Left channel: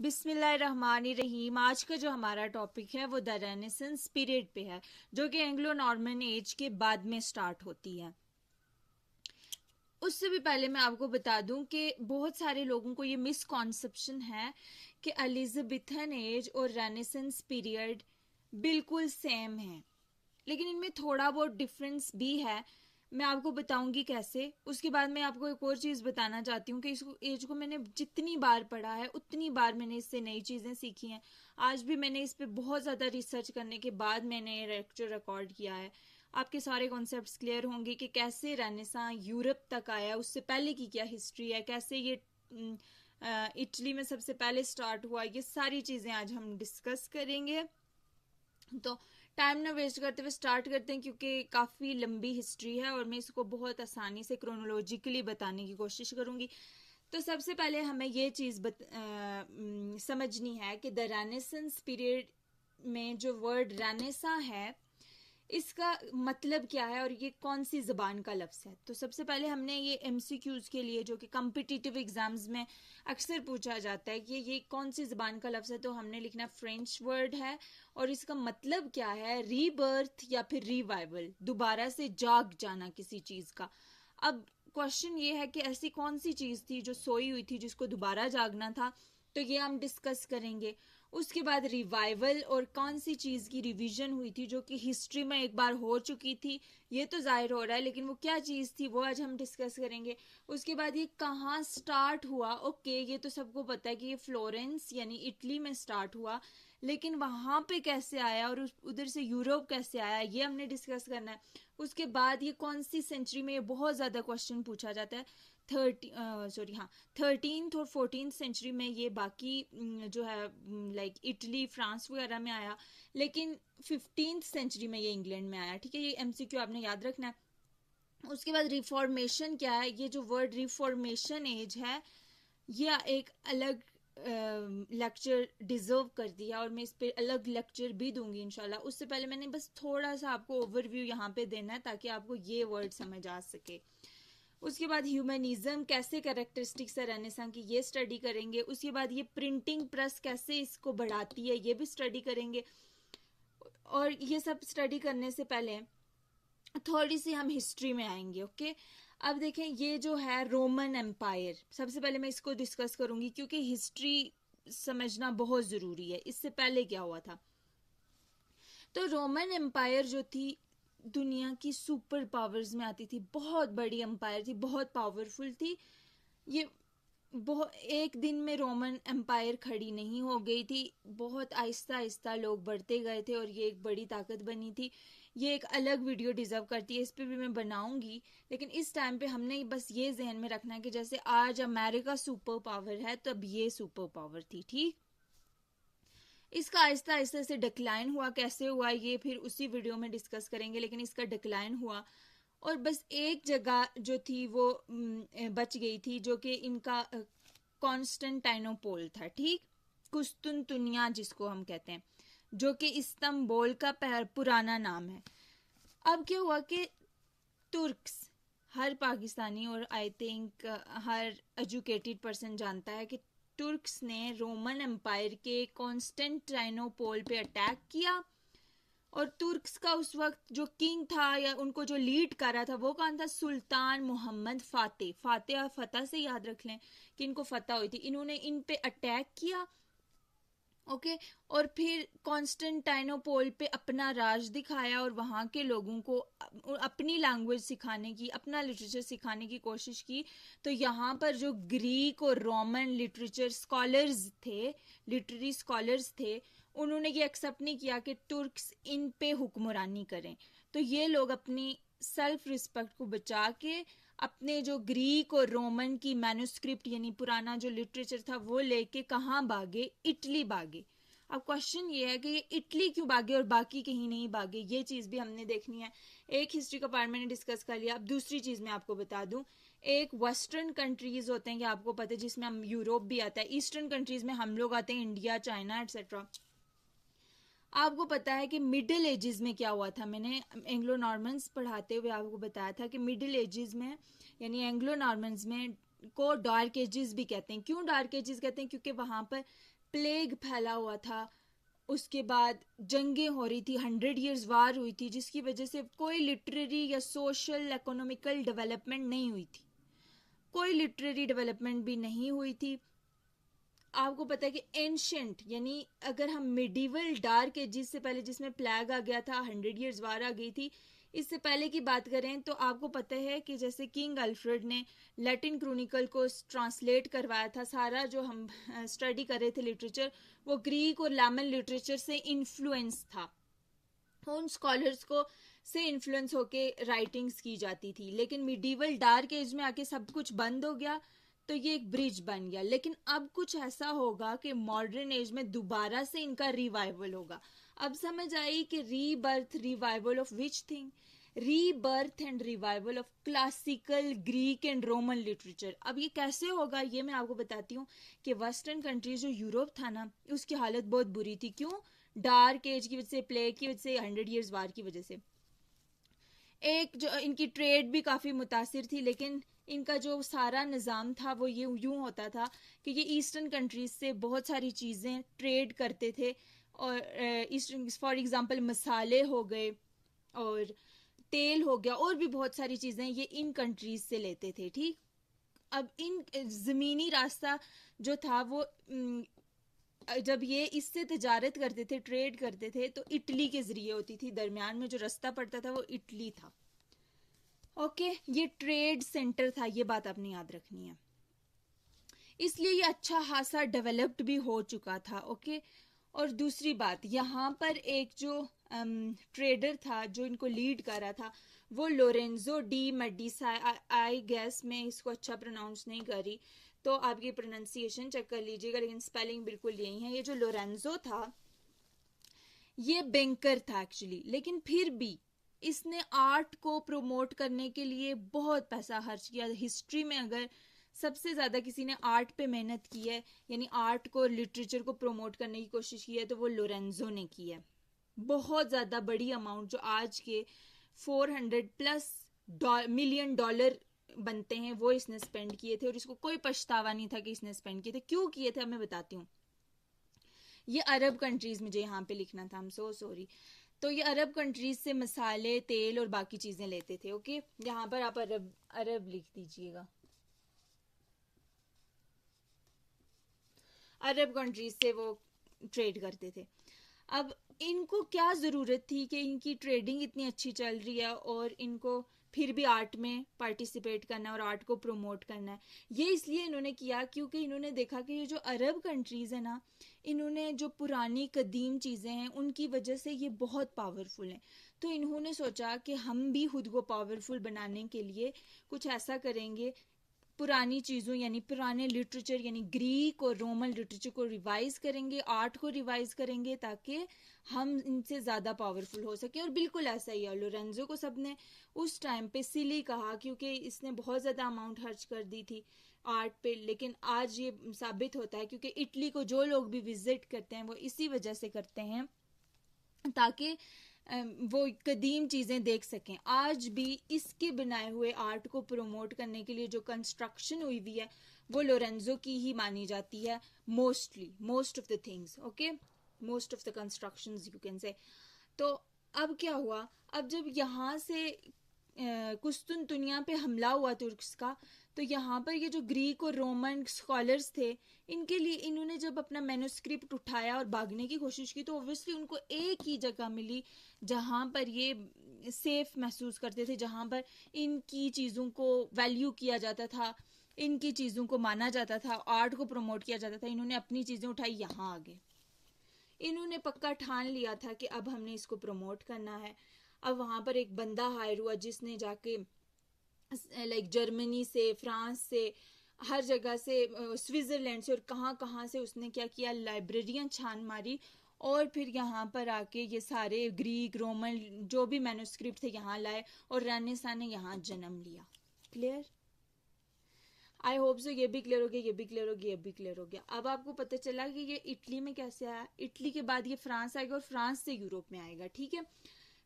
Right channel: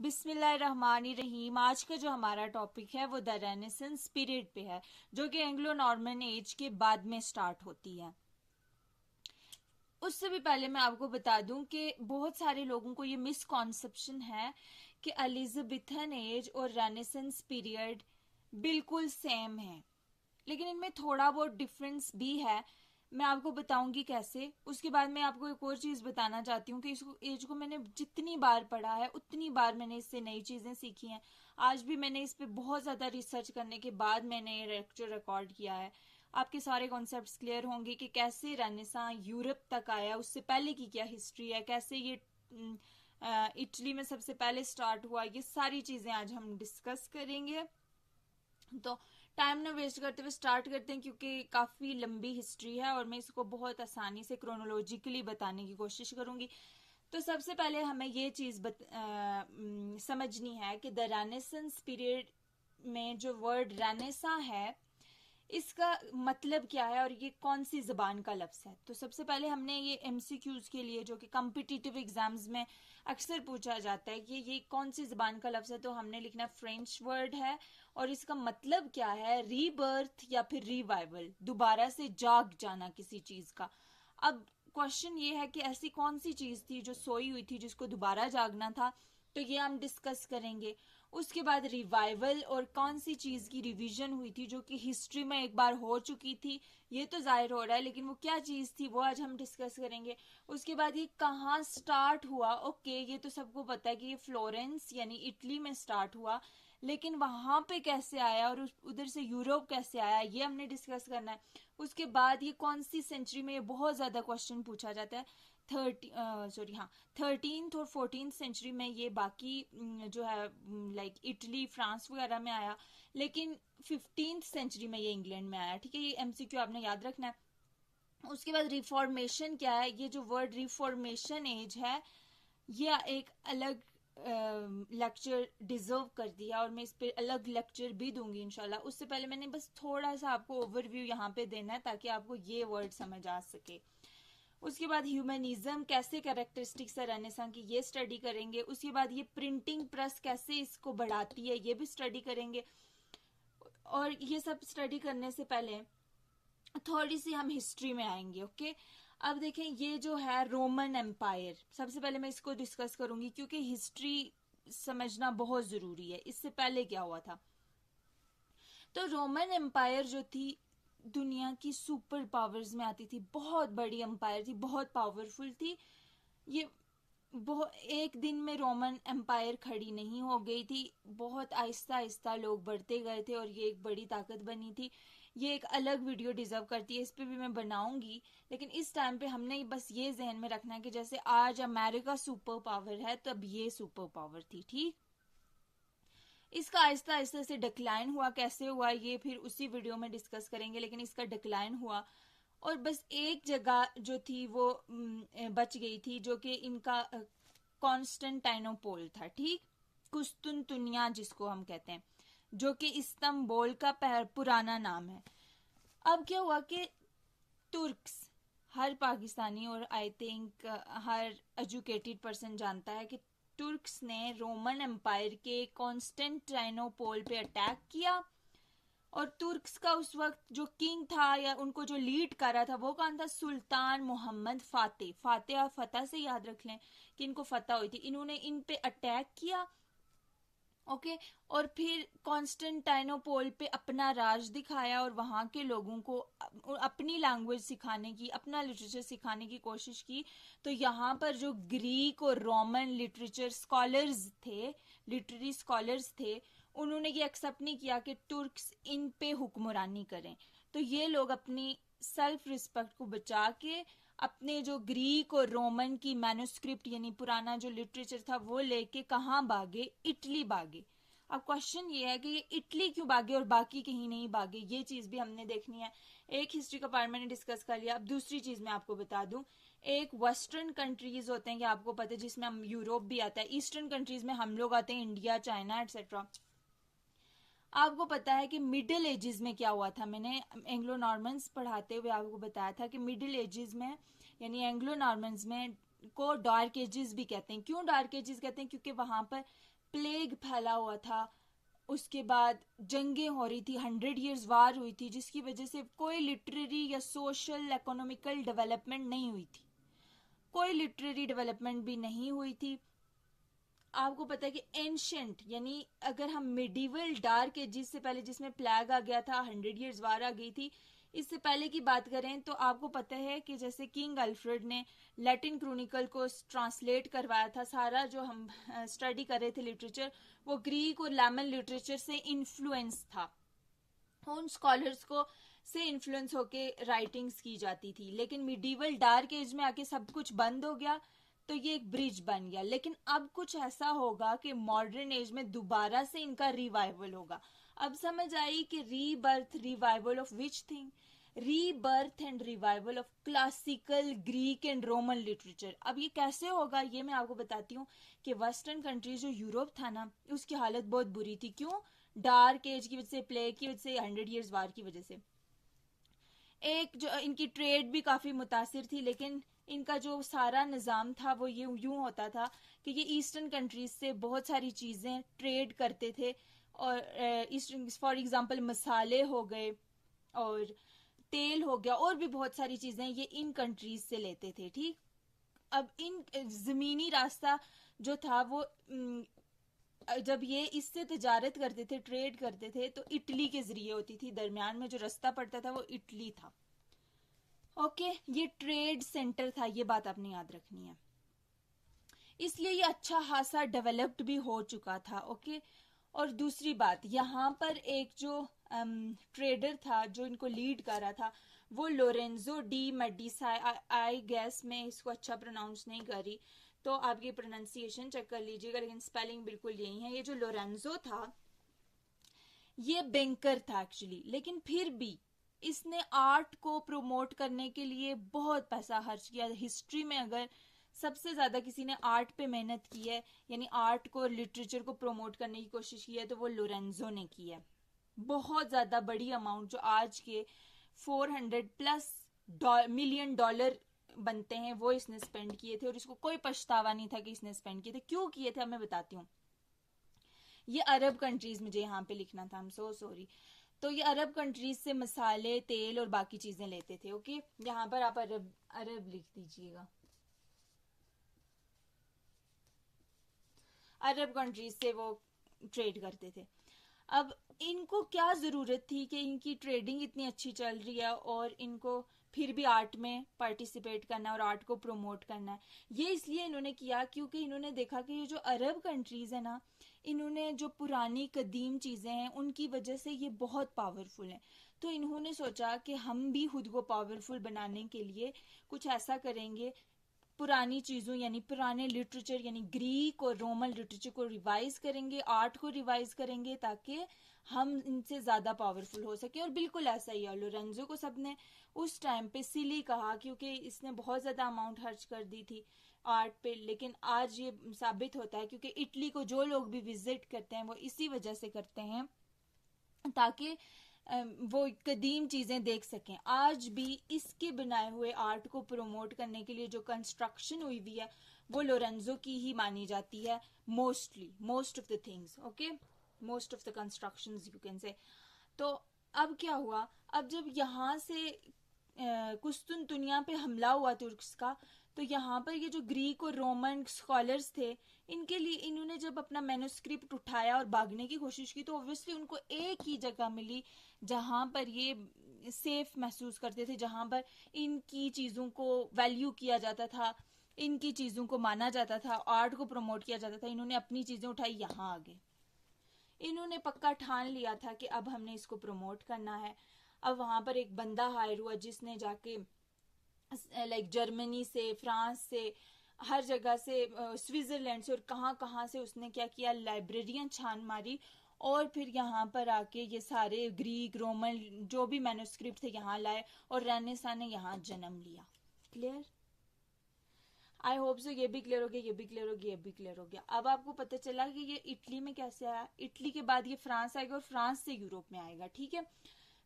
बिस्मिल्लाहिर्रहमानिर्रहीम। आज का जो हमारा टॉपिक है वो द रेनेसेंस पीरियड पे है, जो कि एंग्लो नॉर्मन एज के बाद में स्टार्ट होती है। उससे भी पहले मैं आपको बता दूं कि बहुत सारे लोगों को ये मिसकॉन्सेप्शन है कि एलिजाबेथन एज और रेनेसेंस पीरियड बिल्कुल सेम है, लेकिन इनमें थोड़ा बहुत डिफरेंस भी है। मैं आपको बताऊंगी कैसे। उसके बाद मैं आपको एक और चीज़ बताना चाहती हूँ कि इस एज को मैंने जितनी बार पढ़ा है उतनी बार मैंने इससे नई चीज़ें सीखी हैं। आज भी मैंने इस पे बहुत ज़्यादा रिसर्च करने के बाद मैंने ये लेक्चर रिकॉर्ड किया है। आपके सारे कॉन्सेप्ट्स क्लियर होंगे कि कैसे रेनेसां यूरोप तक आया, उससे पहले की क्या हिस्ट्री है, कैसे ये इटली में सबसे पहले स्टार्ट हुआ। ये सारी चीज़ें आज हम डिस्कस करेंगे। तो टाइम ना वेस्ट करते हुए स्टार्ट करते हैं, क्योंकि काफ़ी लंबी हिस्ट्री है और मैं इसको बहुत आसानी से क्रोनोलॉजिकली बताने की कोशिश करूंगी। तो सबसे पहले हमें ये चीज़ समझनी है कि द रेनेसेंस पीरियड में जो वर्ड रेनेसा है इसका मतलब क्या है और ये कौन सी जबान का लफ्ज़ है। तो सबसे पहले हमने ये एमसीक्यूज के लिए, जो कि कॉम्पिटिटिव एग्जाम्स में अक्सर पूछा जाता है कि ये कौन सी जबान का लफ्ज़ है, तो हमने लिखना फ्रेंच वर्ड है और इसका मतलब क्या है, रीबर्थ या फिर रिवाइवल, दोबारा से जाग जाना किसी चीज़ का। अब क्वेश्चन ये है कि ऐसी कौन सी चीज़ थी जो सोई हुई थी जिसको दोबारा जागना था, तो ये हम डिस्कस करेंगे। उसके बाद रिवाइवल और कौन सी चीज़ की रिवीजन हुई थी जो कि हिस्ट्री में एक बार हो चुकी थी, ये तो जाहिर हो रहा है, लेकिन वो क्या चीज़ थी वो आज हम डिस्कस करेंगे। उसके बाद ये कहाँ स्टार्ट हुआ। ओके, ये तो सबको पता है कि ये फ्लोरेंस यानी इटली में स्टार्ट हुआ, लेकिन वहाँ पे कैसे आया और उधर से यूरोप कैसे आया, ये हमने डिस्कस करना है। उसके बाद ये कौन सी सेंचुरी में, ये बहुत ज़्यादा क्वेश्चन पूछा जाता है। 13th और 14th सेंचुरी में ये बाकी जो है लाइक इटली फ्रांस वगैरह में आया, लेकिन 15th सेंचुरी में ये इंग्लैंड में आया। ठीक है, ये एमसीक्यू आपने याद रखना है। उसके बाद रिफॉर्मेशन क्या है, ये जो वर्ड रिफॉर्मेशन एज है ये एक अलग लेक्चर डिजर्व कर दिया और मैं इस पे अलग लेक्चर भी दूंगी इंशाल्लाह। उससे पहले मैंने बस थोड़ा सा आपको ओवरव्यू यहाँ पे देना है ताकि आपको ये वर्ड समझ आ सके। उसके बाद ह्यूमनिज्म कैसे कैरेक्टरिस्टिक्स है रेनेसां की, ये स्टडी करेंगे। उसके बाद ये प्रिंटिंग प्रेस कैसे इसको बढ़ाती है, ये भी स्टडी करेंगे। और ये सब स्टडी करने से पहले थोड़ी सी हम हिस्ट्री में आएंगे। ओके, अब देखें ये जो है रोमन एम्पायर, सबसे पहले मैं इसको डिस्कस करूंगी क्योंकि हिस्ट्री समझना बहुत जरूरी है। इससे पहले क्या हुआ था, तो रोमन एम्पायर जो थी दुनिया की सुपर पावर्स में आती थी, बहुत बड़ी एम्पायर थी, बहुत पावरफुल थी। ये एक दिन में रोमन एम्पायर खड़ी नहीं हो गई थी, बहुत आहिस्ता आहिस्ता लोग बढ़ते गए थे और ये एक बड़ी ताकत बनी थी। ये एक अलग वीडियो डिजर्व करती है, इस पे भी मैं बनाऊंगी, लेकिन इस टाइम पे हमने बस ये जहन में रखना है कि जैसे आज अमेरिका सुपर पावर है तब ये सुपर पावर थी। ठीक, इसका आहिस्ता आहिस्ता से डिक्लाइन हुआ, कैसे हुआ ये फिर उसी वीडियो में डिस्कस करेंगे, लेकिन इसका डिक्लाइन हुआ और बस एक जगह जो थी वो बच गई थी, जो कि इनका कॉन्स्टेंटाइनोपोल था। ठीक, कुस्तुनतुनिया जिसको हम कहते हैं, जो कि इस्तांबुल का पुराना नाम है। अब क्या हुआ कि तुर्क्स, हर पाकिस्तानी और I think her educated person जानता है कि तुर्क्स ने रोमन एम्पायर के कॉन्स्टेंटाइनोपोल पे अटैक किया और तुर्क्स का उस वक्त जो किंग था या उनको जो लीड कर रहा था वो कौन था, सुल्तान मोहम्मद फातेह। फातेह फतह से याद रख लें कि इनको फतह हुई थी। इन्होंने इन पे अटैक किया, ओके, और फिर कॉन्स्टेंटाइनोपोल पे अपना राज दिखाया और वहाँ के लोगों को अपनी लैंग्वेज सिखाने की, अपना लिटरेचर सिखाने की कोशिश की। तो यहाँ पर जो ग्रीक और रोमन लिटरेचर स्कॉलर्स थे, लिटरेरी स्कॉलर्स थे, उन्होंने ये एक्सेप्ट नहीं किया कि तुर्क्स इन पे हुक्मरानी करें। तो ये लोग अपनी सेल्फ रिस्पेक्ट को बचा के अपने जो ग्रीक और रोमन की मैन्युस्क्रिप्ट यानी पुराना जो लिटरेचर था वो लेके कहाँ भागे, इटली भागे। अब क्वेश्चन ये है कि ये इटली क्यों भागे और बाकी कहीं नहीं भागे, ये चीज भी हमने देखनी है। एक हिस्ट्री का पार्ट मैंने डिस्कस कर लिया। अब दूसरी चीज मैं आपको बता दूं, एक वेस्टर्न कंट्रीज होते हैं कि आपको पता है, जिसमें हम यूरोप भी आता है, ईस्टर्न कंट्रीज में हम लोग आते हैं, इंडिया, चाइना एटसेट्रा। आपको पता है कि मिडिल एजेस में क्या हुआ था, मैंने एंग्लो नॉर्मन्स पढ़ाते हुए आपको बताया था कि मिडिल एजेस में यानी एंग्लो नॉर्मन्स में को डार्क एजेस भी कहते हैं। क्यों डार्क एजेस कहते हैं, क्योंकि वहां पर प्लेग फैला हुआ था, उसके बाद जंगें हो रही थी, 100 years वार हुई थी, जिसकी वजह से कोई लिटरेरी या सोशल इकोनॉमिकल डेवलपमेंट नहीं हुई थी, कोई लिटरेरी डेवलपमेंट भी नहीं हुई थी। आपको पता है कि एंशंट यानी अगर हम मिडिवल डार्क एजिस से पहले, जिसमें प्लेग आ गया था, 100 years वार आ गई थी, इससे पहले की बात करें तो आपको पता है कि जैसे किंग अल्फ्रेड ने लैटिन क्रोनिकल को ट्रांसलेट करवाया था, सारा जो हम स्टडी कर रहे थे लिटरेचर, वो ग्रीक और लैमन लिटरेचर से इन्फ्लुएंस था, उन स्कॉलर्स को से इन्फ्लुएंस होके राइटिंग्स की जाती थी। लेकिन मिडिवल डार्क एज में आके सब कुछ बंद हो गया, तो ये एक ब्रिज बन गया। लेकिन अब कुछ ऐसा होगा कि मॉडर्न एज में दोबारा से इनका रिवाइवल होगा। अब समझ आई कि rebirth, revival of which thing, rebirth and revival of classical Greek and Roman literature. अब ये कैसे होगा ये मैं आपको बताती हूँ कि वेस्टर्न कंट्रीज, जो यूरोप था ना, उसकी हालत बहुत बुरी थी। क्यों? डार्क एज की वजह से, प्लेग की वजह से, 100 years वार की वजह से। एक जो इनकी ट्रेड भी काफ़ी मुतासिर थी, लेकिन इनका जो सारा निज़ाम था वो ये यूँ होता था कि ये ईस्टर्न कंट्रीज से बहुत सारी चीज़ें ट्रेड करते थे, और ईस्टर्न, फॉर एग्जांपल मसाले हो गए और तेल हो गया, और भी बहुत सारी चीज़ें ये इन कंट्रीज से लेते थे। ठीक, अब इन ज़मीनी रास्ता जो था वो जब ये इससे तजारत करते थे, ट्रेड करते थे, तो इटली के जरिए होती थी। दरमियान में जो रास्ता पड़ता था वो इटली था। ओके, ये ट्रेड सेंटर था, ये बात आपने याद रखनी है। इसलिए ये अच्छा खासा डेवलप्ड भी हो चुका था। ओके, और दूसरी बात, यहाँ पर एक जो ट्रेडर था जो इनको लीड कर रहा था, वो लोरेंजो डी मेडिसा, आई गेस मैं इसको अच्छा प्रोनाउंस नहीं कर रही, तो आप ये प्रोनाउंसिएशन चेक कर लीजिएगा, लेकिन स्पेलिंग बिल्कुल यही है। ये जो लोरेंजो था ये बैंकर था एक्चुअली, लेकिन फिर भी इसने आर्ट को प्रमोट करने के लिए बहुत पैसा खर्च किया। हिस्ट्री में अगर सबसे ज़्यादा किसी ने आर्ट पे मेहनत की है, यानी आर्ट को, लिटरेचर को प्रमोट करने की कोशिश की है, तो वो लोरेंजो ने की है। बहुत ज़्यादा बड़ी अमाउंट, जो आज के 400+ मिलियन डॉलर बनते हैं, वो इसने स्पेंड किए थे, और इसको कोई पछतावा नहीं था कि इसने स्पेंड किए थे। क्यों किए थे, मैं बताती हूँ। ये अरब कंट्रीज, मुझे यहाँ पे लिखना था, आई एम सो सॉरी। तो ये अरब कंट्रीज से मसाले, तेल और बाकी चीजें लेते थे। ओके, यहाँ पर आप अरब अरब लिख दीजिएगा। अरब कंट्रीज से वो ट्रेड करते थे। अब इनको क्या ज़रूरत थी कि इनकी ट्रेडिंग इतनी अच्छी चल रही है और इनको फिर भी आर्ट में पार्टिसिपेट करना है और आर्ट को प्रमोट करना है। ये इसलिए इन्होंने किया क्योंकि इन्होंने देखा कि ये जो अरब कंट्रीज़ है ना, इन्होंने जो पुरानी कदीम चीज़ें हैं उनकी वजह से ये बहुत पावरफुल हैं। तो इन्होंने सोचा कि हम भी खुद को पावरफुल बनाने के लिए कुछ ऐसा करेंगे, पुरानी चीज़ों यानी पुराने लिटरेचर यानी ग्रीक और रोमन लिटरेचर को रिवाइज करेंगे, आर्ट को रिवाइज करेंगे, ताकि हम इनसे ज़्यादा पावरफुल हो सके। और बिल्कुल ऐसा ही है। लोरेंजो को सबने उस टाइम पे सिली कहा क्योंकि इसने बहुत ज़्यादा अमाउंट खर्च कर दी थी आर्ट पे, लेकिन आज ये साबित होता है क्योंकि इटली को जो लोग भी विजिट करते हैं वो इसी वजह से करते हैं, ताकि वो कदीम चीज़ें देख सकें। आज भी इसके बनाए हुए आर्ट को प्रमोट करने के लिए जो कंस्ट्रक्शन हुई हुई है वो लोरेंजो की ही मानी जाती है, most of the things. Okay, most of the constructions you can say. तो अब क्या हुआ, अब जब यहाँ से कुस्तुनतुनिया पे हमला हुआ तुर्क्स का, तो यहाँ पर ये जो ग्रीक और रोमन स्कॉलर्स थे, इनके लिए इन्होंने जब अपना मैन्युस्क्रिप्ट उठाया और भागने की कोशिश की, तो ऑब्वियसली उनको एक ही जगह मिली जहाँ पर ये सेफ महसूस करते थे, जहाँ पर इनकी चीज़ों को वैल्यू किया जाता था, इनकी चीज़ों को माना जाता था, आर्ट को प्रमोट किया जाता था। इन्होंने अपनी चीज़ें उठाई, यहाँ आ गए। इन्होंने पक्का ठान लिया था कि अब हमने इसको प्रमोट करना है। अब वहाँ पर एक बंदा हायर हुआ जिसने जाके लाइक जर्मनी से, फ्रांस से, हर जगह से, स्विट्ज़रलैंड से और कहाँ कहाँ से उसने क्या किया, लाइब्रेरियाँ छान मारी, और फिर यहाँ पर आके ये सारे ग्रीक रोमन जो भी मैन्युस्क्रिप्ट थे यहाँ लाए, और रेनेसां ने यहाँ जन्म लिया। क्लियर? आई होप सो ये भी क्लियर हो गया, ये भी क्लियर हो गया, ये भी क्लियर हो गया। अब आपको पता चला कि ये इटली में कैसे आया, इटली के बाद ये फ्रांस आएगा और फ्रांस से यूरोप में आएगा। ठीक है,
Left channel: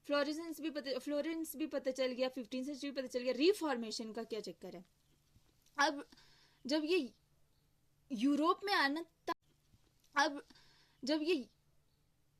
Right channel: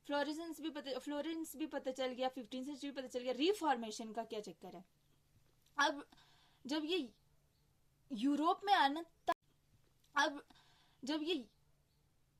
फ्लोरेंस भी पता चल गया, 15वीं सेंचुरी पता चल गया। रिफॉर्मेशन का क्या चक्कर है, अब जब ये यूरोप में आना, अब जब ये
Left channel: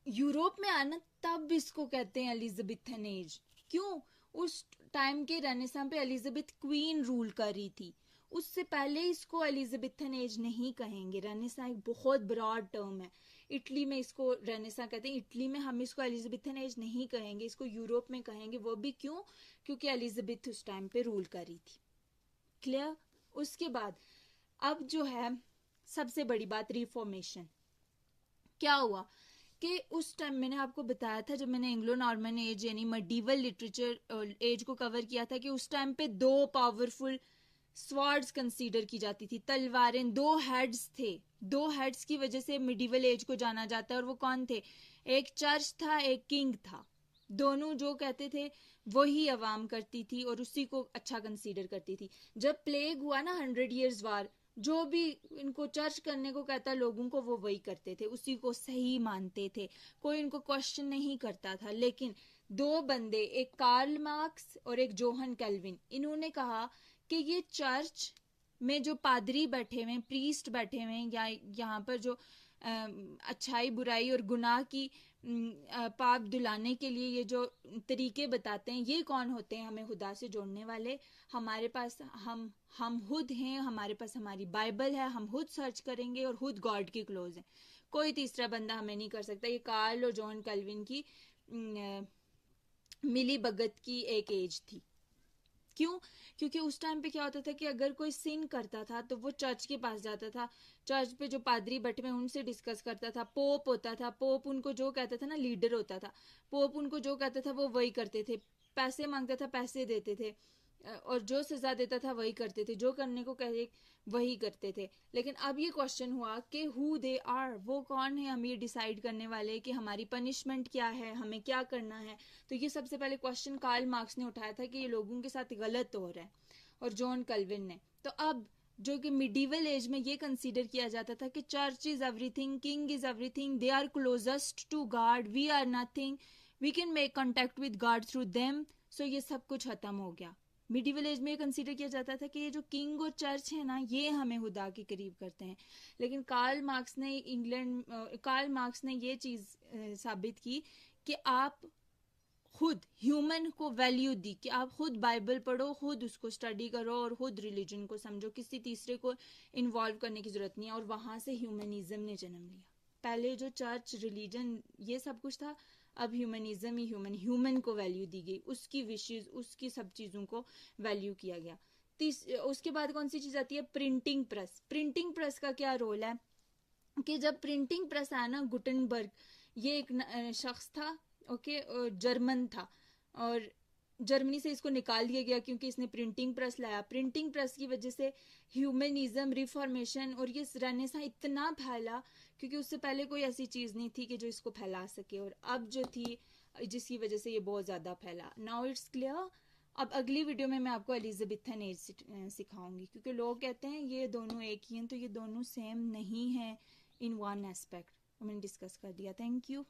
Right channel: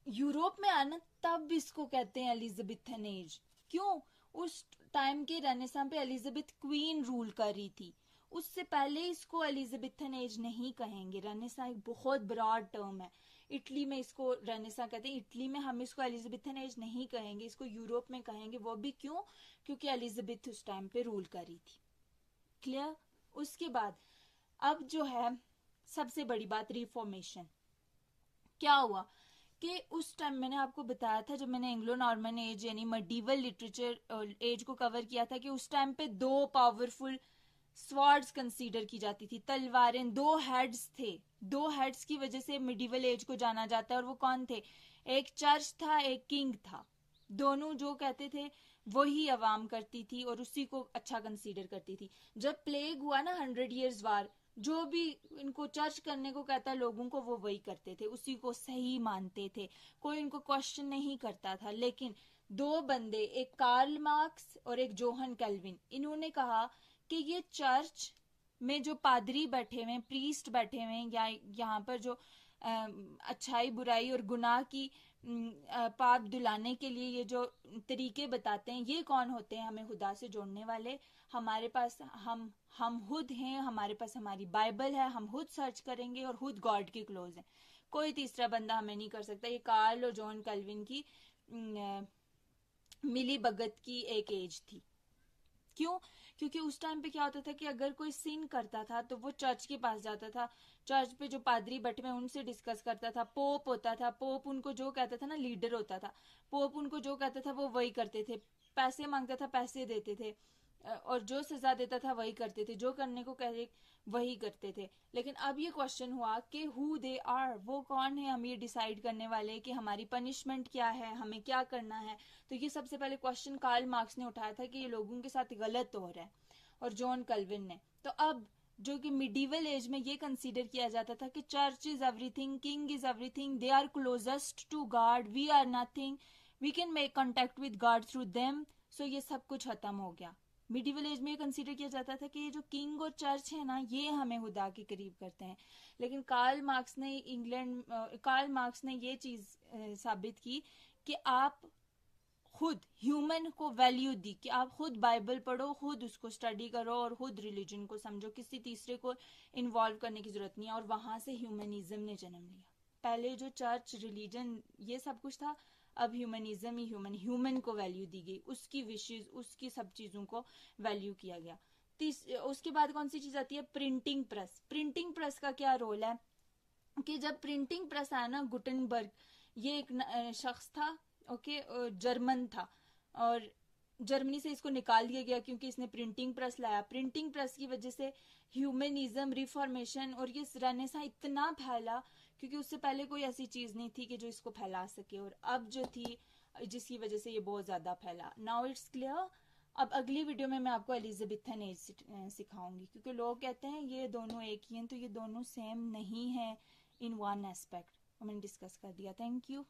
यूरोप में आना, तब इसको कहते हैं एलिजाबेथन एज। क्यों? उस टाइम के रेनेसां पे एलिजाबेथ क्वीन रूल कर रही थी, उससे पहले इसको एलिजाबेथन एज नहीं कहेंगे। रेनेसां एक बहुत ब्रॉड टर्म है। इटली में इसको रेनेसां कहते हैं, इटली में हम इसको एलिजाबेथन एज नहीं कहेंगे, इसको यूरोप में कहेंगे। वो भी क्यों? क्योंकि एलिजाबेथ उस टाइम पे रूल कर रही थी। क्लियर? उसके बाद अब जो है सबसे बड़ी बात, रिफॉर्मेशन। क्या हुआ कि उस टाइम मैंने आपको बताया था, जब मैंने एंग्लो नॉर्मन एज यानी मडीवल लिटरेचर एज को कवर किया था, कि उस टाइम पे दो पावरफुल स्वॉर्ड्स कंसीडर की जाती थी, तलवारें, दो हेड्स थे। दो हेड्स की वजह से मिडिवल एज को जाना जाता है। और वो कौन थे? एक चर्च था, एक किंग था। दोनों जो कहते थे वही अवाम करती थी और उसी को अच्छा कंसीडर करती थी। जब प्लेग हुआ ना, 100 years वार, जो भी इनको चर्च करने को कहता लोगों को, वो वही करते थे, उसी को सही मानते थे, कोई इनको क्वेश्चन नहीं करता था। लेकिन दो बंदे, एक कार्ल मार्क्स और एक जोहन कैल्विन, इन्होंने कहा कि ये चर्च में जो पादरी बैठे हुए हैं, प्रीस्ट बैठे हुए हैं, या यहाँ पर जो अच्छाई बुराई और गुनाह की पाप धुलाने के लिए ये जो तरीके बताते हैं, ये कौन होते हैं? हमें खुदा से जोड़ने वाले। हमारे पास हम खुद हैं, हमारे पास हमारी बाइबल है, हम खुद सर्च करेंगे और खुद गॉड के क्लोज हैं। कोई तीसरा बंदा हमें नहीं कर सकता। ये कार्ल और जॉन कैल्विन की मिली भगत की एक एज थी। क्यों? क्योंकि उस टाइम पे क्या होता था कि अगर कोई सिन करता था तो वो चर्च के पास जाता था, चर्च पे जो पादरी बैठे हुए उनसे डिस्कस करता था। पोप होता था, पोप उनको जो कहता था ना, लीडर होता था, पोप उनको जो कहता था वो वही करते थे। पैसे मांगता था, पैसे देते थे, और जो सजा देता था वही करते थे, जो करने को कहे वही करते थे। लेकिन अब ये क्वेश्चन हुआ कि हु दे आर, वो कौन है हम ये डिसाइड करने वाले कि हमारी पनिशमेंट क्या है, हमें क्या करना है। तो ये सबसे पहले क्वेश्चन कार्ल मार्क्स ने उठाया था कि ये लोगों के साथ गलत हो रहा है, और जॉन कल्विन ने। तो अब जो कि मिडिवल एज में ये कंसीडर किया जाता था कि church is everything, king is everything, they are closest to God, we are nothing, we can make contact with God through them. So ये सब कुछ खत्म हो गया। मिडिवल एज में ये कंसीडर किया जाता था कि ये जो किंग और चर्च है ना, ये हमें खुदा के करीब करते हैं। लेकिन कार्ल मार्क्स ने ये चीज साबित की कि आप खुद ह्यूमन को वैल्यू दी, कि आप खुद बाइबल पढ़ो, खुद उसको स्टडी करो और खुद रिलीजन को समझो, किसी तीसरे को इन्वॉल्व करने की जरूरत नहीं है। और वहां से ह्यूमनिज्म ने जन्म लिया। पहले जो चर्च, रिलीजन, ये सब कुछ था, अब ह्यूमनिज्म ही ह्यूमन को वैल्यू दी गई, उसकी विशेष, उसकी सब चीजों को वैल्यू किया गया। उसके बाद कौन सी चीज आती है? Printing press. प्रिंटिंग प्रेस का क्या रोल है कि जब प्रिंटिंग प्रेस आया ना, गुटनबर्ग, ये एक शख्स था, ओके, जर्मन था, और जर्मनी से इसको निकाल दिया गया क्योंकि इसने प्रिंटिंग प्रेस लाया। प्रिंटिंग प्रेस की वजह से ह्यूमनिज्म, रिफॉर्मेशन और ये रेनेसां इतना फैला, क्योंकि उससे पहले कोई ऐसी चीज नहीं थी कि जो इसको फैला सके, और अब जो थी, जिसकी वजह से ये बहुत ज्यादा फैला। Now it's clear. अब अगली वीडियो में मैं आपको एलिजाबेथन एज सिखाऊंगी, क्योंकि लोग कहते हैं ये दोनों एक ही हैं, तो ये दोनों सेम नहीं है इन वन एस्पेक्ट। मैंने डिस्कस कर दिया। Thank you.